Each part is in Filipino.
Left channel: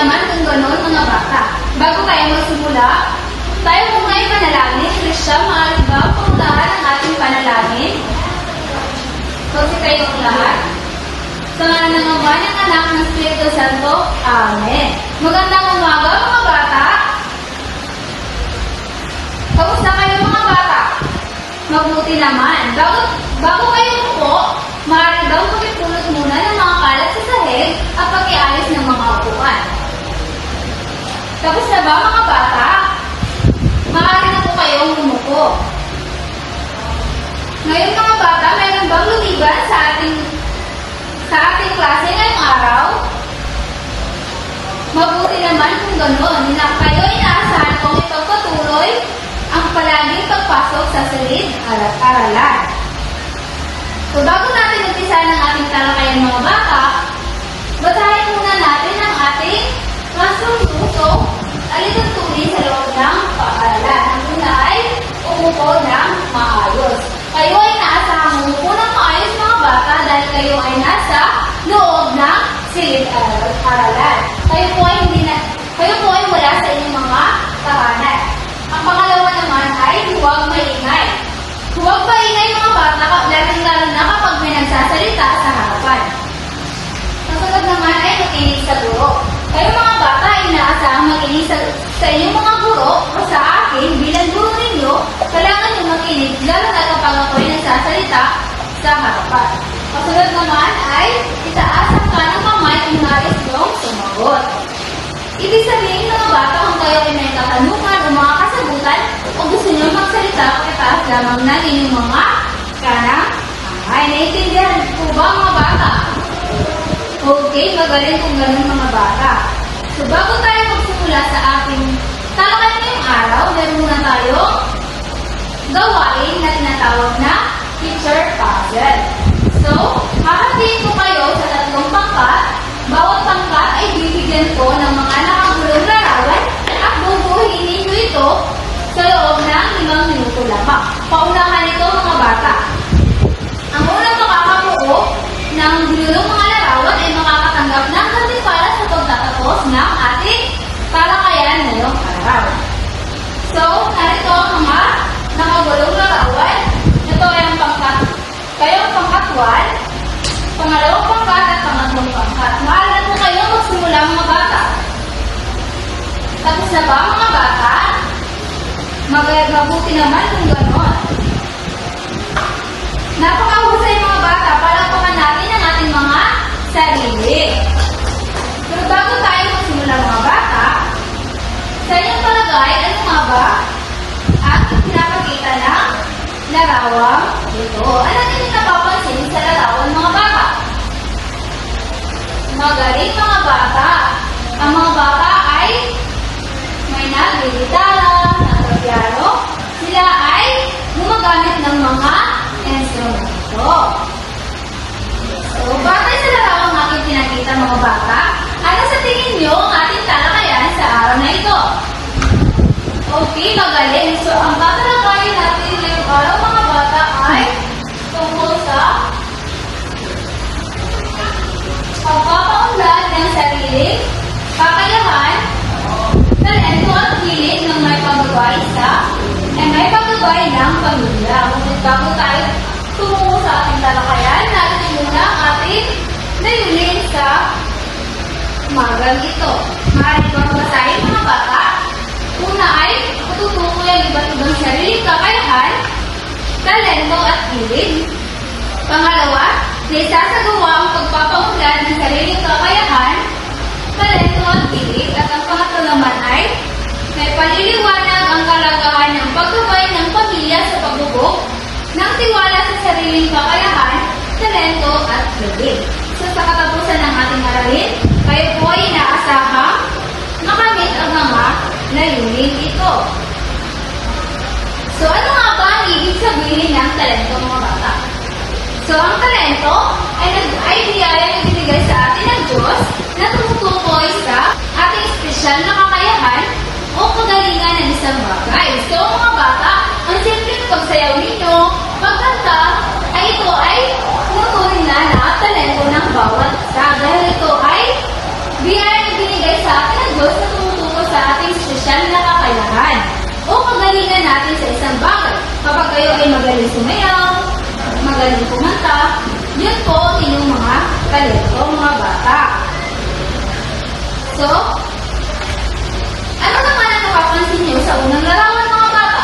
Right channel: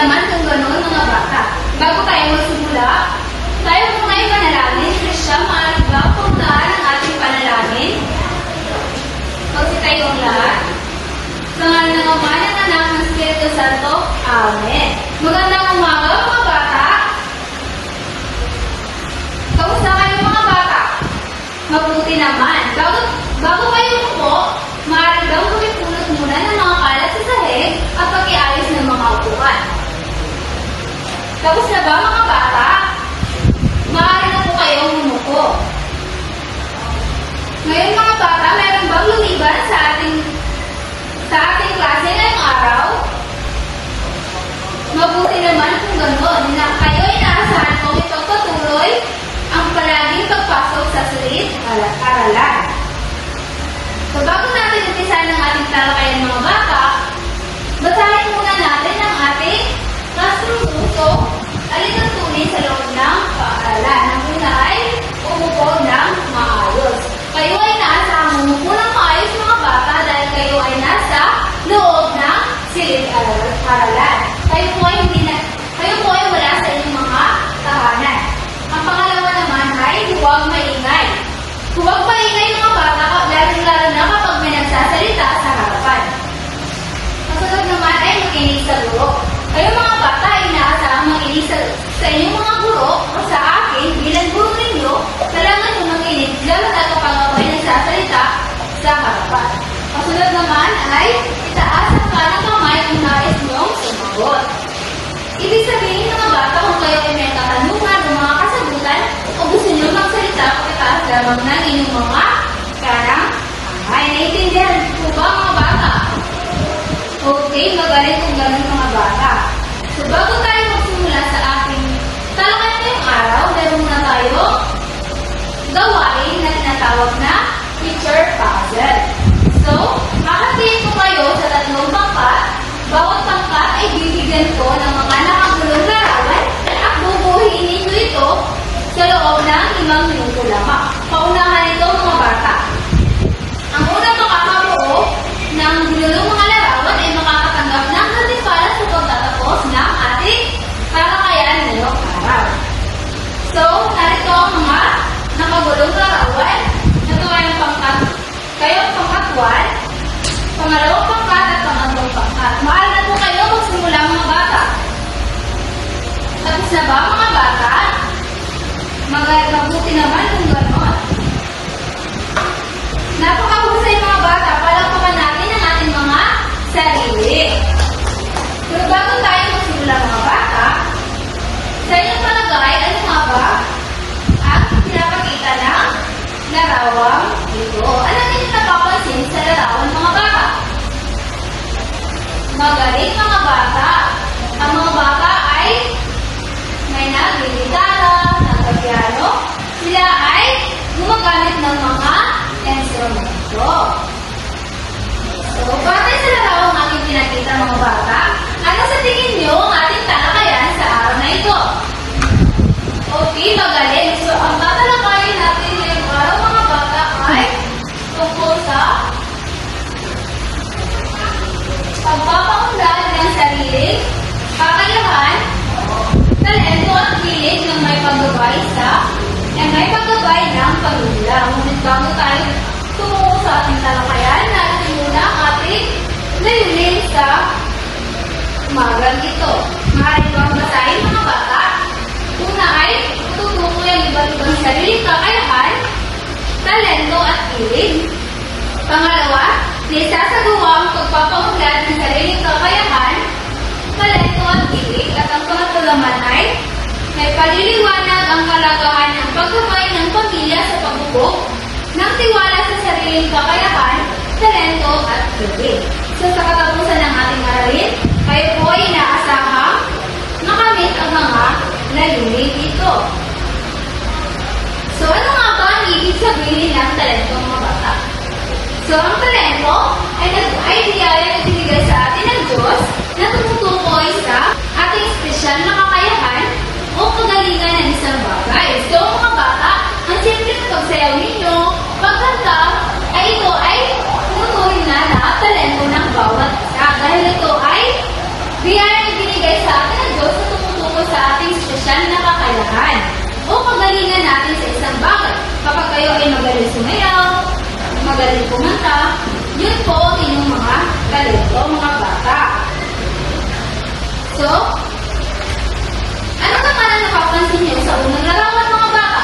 naman kung gano'n mga bata. Bago tayo magsimula, tayo muna ay panalangin. Siya, maaari ba pauntaan ang ating panalangin? Pagkakay ng lahat. Sa ngalan ng Ama, ng Anak, ng Espiritu Santo. Amen. Magandang umaga mga bata. Kamusta kayo mga bata? Mabuti naman. Bago kayo po, maaari daw pulot muna ng mga kalat sa sahig at pag-iayos ng mga upuan. Tapos na ba mga bata? Maaari na po kayong umupo. Ngayon mga bata, mayroon bang lumiban sa ating klase ngayong araw? Mabuti naman kung gano'n na kayo inaasahan kong ipagpatuloy ang palaging pagpasok sa silid-aralan. So bago natin umpisa ng ating talakayan mga bata, basahin muna natin ang ating classroom alituntunin sa loob ng paaralan. Ang una ay umupo ng maayos. Kayo ay naasahang umupo ng maayos mga bata dahil kayo ay nasa loob ng silid-aralan. Kayo po ay wala sa inyong mga tahanan. Ang pangalawa naman ay huwag maingay. Huwag maingay mga bata, lalo na kapag may nagsasalita sa harapan. Kasunod naman ay makinig sa guro. Kayo mga bata ay inaasahang makinig sa inyong mga guro o sa akin bilang guro ninyo, kailangan nyo makinig lalo na kapag ako ay nagsasalita sa harapan. Kasunod naman ay itaas ang kanang kamay kung nais mong sumagot. Ibig sabihin mga bata kung kayo ay may katanungan o mga kasagutan o gusto nyo magsalita pagkataas lamang ng inyong mga kanang kamay. Naiintindihan po ba mga bata? Okay, magaling kung gano'n mga bata. So bago tayo magsimula sa ating talakayan ngayong araw, meron muna tayo gawain na tinatawag na teacher puzzle. So, hahapin ko kayo sa tatlong pangkat. Bawat pangkat ay bibigyan ko ng mga nakagulong larawan at bubuhin ninyo ito sa loob ng 5 minuto lamang. Paunahan ito mga bata. Ang unang makakabuo ng binulong mga larawan ay makakatanggap ng nalipala sa pagtatapos ng ating talakayan ngayong araw. So, narito ang mga nakagulong larawan. Ito ay ang pangkat. Kayo ang pangkat 1, pangalawang pangkat at pangatlong pangkat. Maaari na po kayo magsimula mga bata. Tapos na ba mga bata? Mabuti naman kung gano'n. Napakahusay mga bata, palagpakan natin ang ating mga sarili. Pero bago tayo magsimula mga bata, sa inyong palagay, ano nga ba ang pinapakita ng larawang ito? Ano din yung napapansin sa larawan mga bata? Magaling mga bata. Ang mga bata ay may nagigitara, nagpiano. Sila ay gumagamit ng mga instrumento. So, batay sa larawang ating pinakita mga bata, ano sa tingin nyo ang ating talakayan sa araw na ito? Okay, magaling. So, ang tatalakayin natin ngayong araw mga bata ay tungkol sa pagpapaunlad ng sariling kakayahan, talento at hilig ng may paggabay ng pamilya. Ngunit bago tayo tungo sa ating talakayan, natin muna ang ating layunin sa umagang ito. Maaari bang basahin mga bata? Una ay tutukoy ang iba't-ibang sariling kakayahan, talento at hilig. Pangalawa, naisasagawa ang pagpapaunlad ng sariling kakayahan, talento at hilig. At ang pangatlo naman ay may paliliwanag ang kalagahan ng paggabay ng pamilya sa pagbubuk ng tiwala sa sariling kakayahan, talento at hilig. So sa katapusan ng ating aralin, kayo po ay inaasahang makamit ang mga layunin ito. So ano nga ba ang ibig sabihin ng talento mga bata? So ang talento ay biyayang ibigay sa atin ng Diyos na tumutukoy sa ating espesyal na kakayahan o kagalingan ng isang bagay. So mga bata, ang simpleng pagsayaw ninyo, pagkanta, ay ito ay tuturing na talento ng bawat isa. Dahil ito ay biyayang binigay sa atin Kapag kayo ay magaling sumayaw, magaling kumanta, yun po ang inyong mga talento, mga bata. So, ano naman ang nakapansin niyo sa unang larawan, mga bata?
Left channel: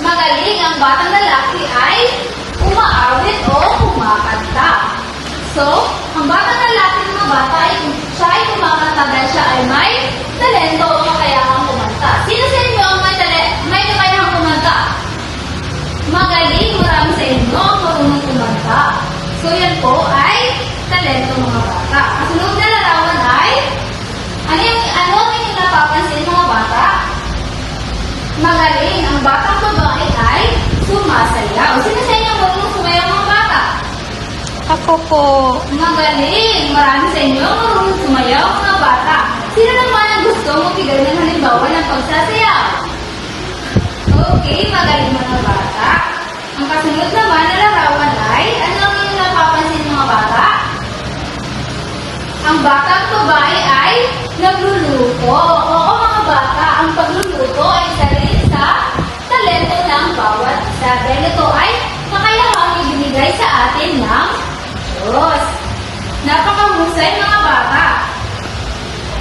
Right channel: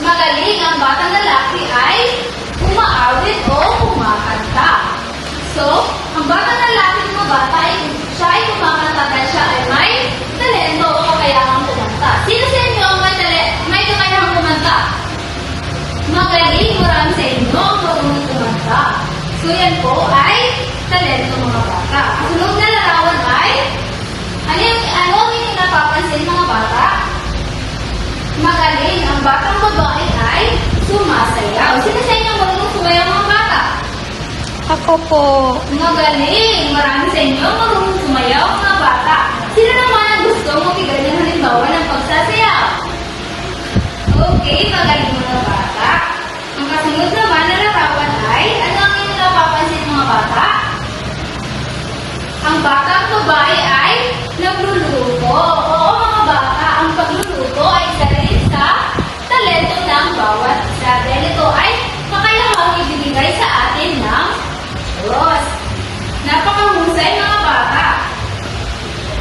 Magaling ang batang lalaki ay umaawit o kumakanta. So, ang batang lalaki, mga bata, siya ay kumakanta dahil siya ay may talento o kakayahang kumanta. Sino sa inyo ang may kakayahang kumanta? Magaling, marami sa inyo ang marunong kumanta. So, yan po ay talento, mga bata. Ang sunod na larawan ay, ano yung napapansin, mga bata? Magaling, ang batang babae ay sumasayaw. Sino sa inyo marunong sumayaw, mga bata? Ako po. Magaling, marami sa inyo marunong sumayaw, mga bata. Sino naman ang gusto magbigay ng halimbawa ng pagsasayaw? Okay, magaling, mga bata. Ang kasunod naman na larawan ay, ano ang inyong napapansin, mga bata? Ang batang babae ay nagluluto. Oo, mga bata, ang pagluluto ay isa rin sa talento ng bawat isa. Dahil ito ay kakayahang ibinigay sa atin ng Diyos. Napakahusay, mga bata.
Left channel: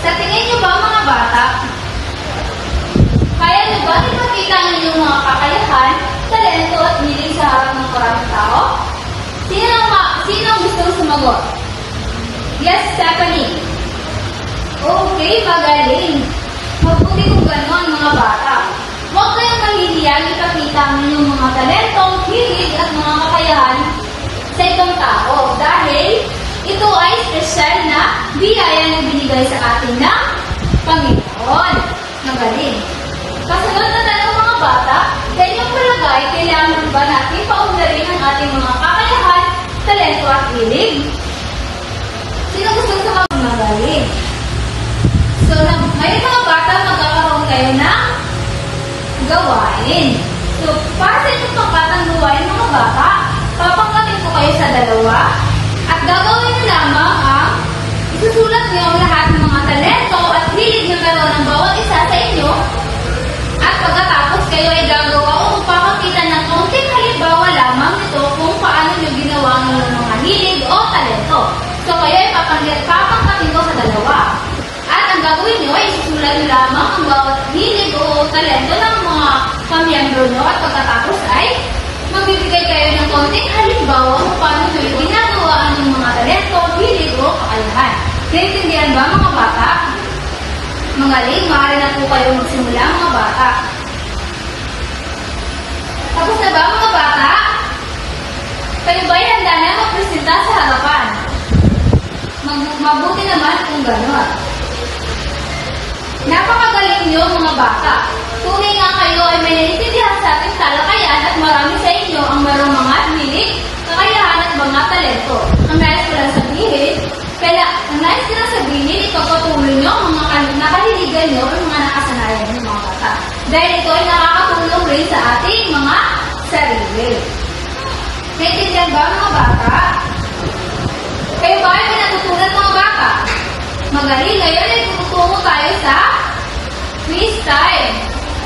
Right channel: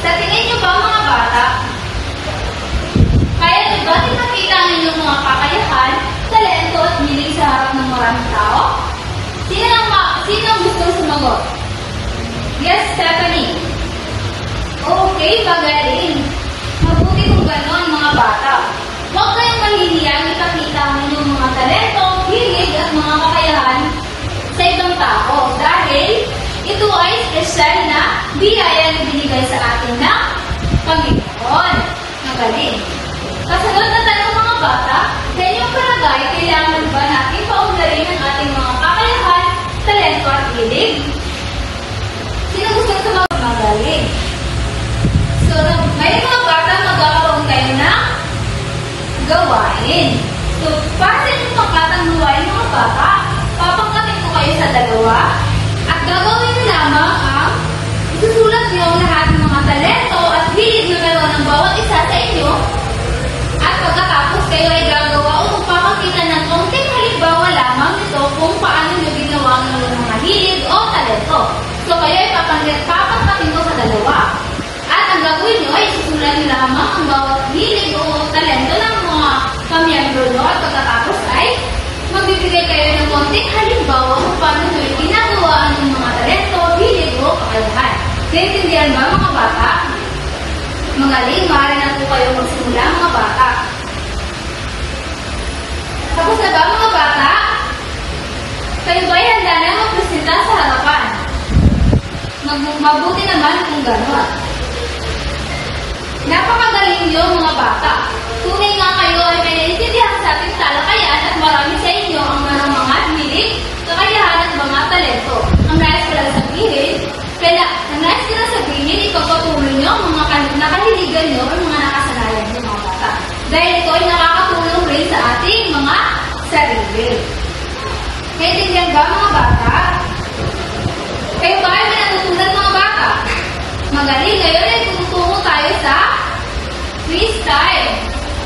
Sa tingin niyo ba, mga bata, kaya niyo ba pinakita ninyo mga kakayahan, talento at hilig sa harap ng maraming tao? Sino ang gusto sumagot? Yes, Stephanie. Okay, magaling. Mabuti kung gano'n, mga bata. Huwag kayong mahihiyang ipakita ang inyong mga talento, hilig at mga kakayahan sa ibang tao dahil ito ay espesyal na biyaya na binigay sa atin ng Panginoon. Magaling. Kasunod na tanong, mga bata, ganyang palagay, kailangan ba natin paunlarin ang ating mga kakayahan, talento at hilig? Sino gusto sumagot? Magaling. So, may mga bata magkakaroon kayo ng gawain. So, para sa inyong pangkatang gawain, mga bata, papangkatin ko kayo sa dalawa at gagawin nyo lamang ang isusulat nyo ang lahat ng mga talento at hilig na meron ng bawat isa sa inyo at pagkatapos kayo ay gagawa o papakita ng konting halimbawa lamang ito kung paano nyo ginawa ang inyong mga hilig o talento. So, kayo ay papangkatin ko sa dalawa. At ang gagawin nyo ay isusulat nyo lamang ang bawat hilig o talento ng mga kamiyembro nyo at pagkatapos ay magbibigay kayo ng konting halimbawa kung paano nyo ginagawa ang inyong mga talento, hilig o kakayahan. Naintindihan ba, mga bata? Magaling, maaari na po kayo magsimula, mga bata. Tapos na ba, mga bata? Kayo ba ay handa na magpresenta sa harapan? Mabuti naman kung gano'n. Napakagaling nyo, mga bata. Tunay nga kayo ay may naiintindihan sa ating talakayan at marami sa inyo ang mayroong mga hilig, kakayahan at mga talento. Ang nais ko lang sabihin, ipagpatuloy nyo ang mga nakahiligan nyo at mga nakasanayan nyo, mga bata. Dahil ito ay nakakatulong rin sa ating mga sarili. Naintindihan ba, mga bata? Kayo ba ay may natutunan, mga bata? Magaling, ngayon ay tutungo tayo sa quiz time.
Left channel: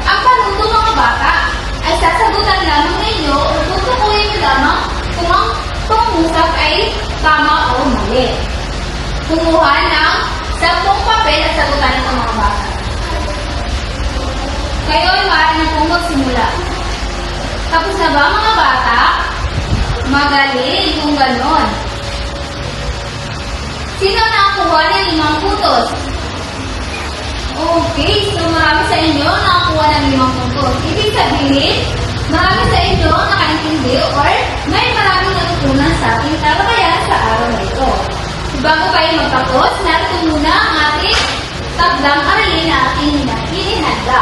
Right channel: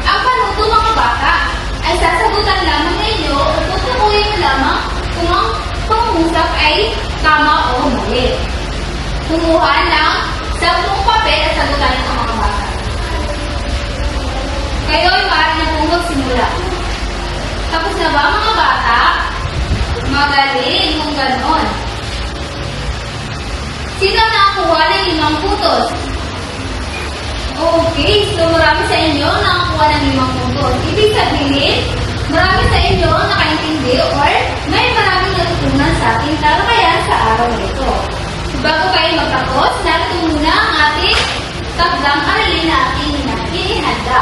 Ang panuto, mga bata, ay sasagutan lamang ninyo o tutukuhin nyo lamang kung ang pangusap ay tama o mali. Kumuha ng 10 papel at sagutan ito, mga bata. Kayo ay maaari na po magsimula. Tapos na ba, mga bata? Magaling kung ganon. Sino nakakuha ng 5 putos? Okay, so marami sa inyo nakakuha ng 5 putos. Ibig sabihin, marami sa inyo nakaintindi or may maraming natutunan sa ating talakayan sa araw na ito. So, bago kayo magtapos, narito muna ang ating takdang aralin na ating hinihanda.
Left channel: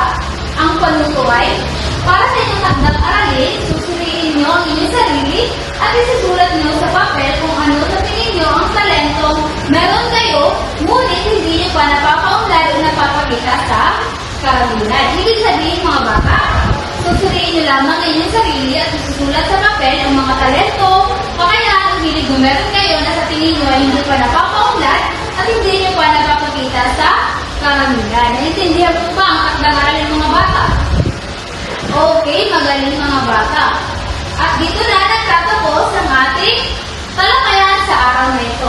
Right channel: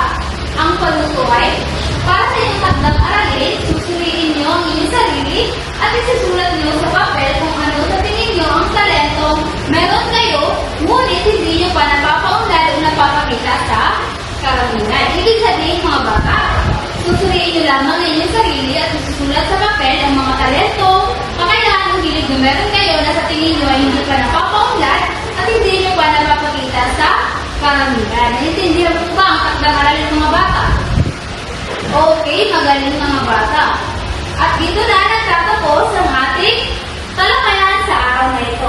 Ang panuto ay, para sa inyong takdang aralin, susuriin nyo ang inyong sarili at isusulat nyo sa papel kung ano sa tingin nyo ang talentong meron kayo, ngunit hindi nyo pa napapaunlad o napapakita sa karamihan. Ibig sabihin, mga bata, susuriin nyo lamang ang inyong sarili at isusulat sa papel ang mga talento, kakayahan ang hilig na meron kayo na sa tingin nyo ay hindi pa napapaunlad at hindi nyo pa napapakita sa karamihan. Naintindihan mo ba ang takdang aralin, mga bata? Okay. Okay, magaling mga bata. At dito na nagtatapos ang ating talakayan sa araw na ito.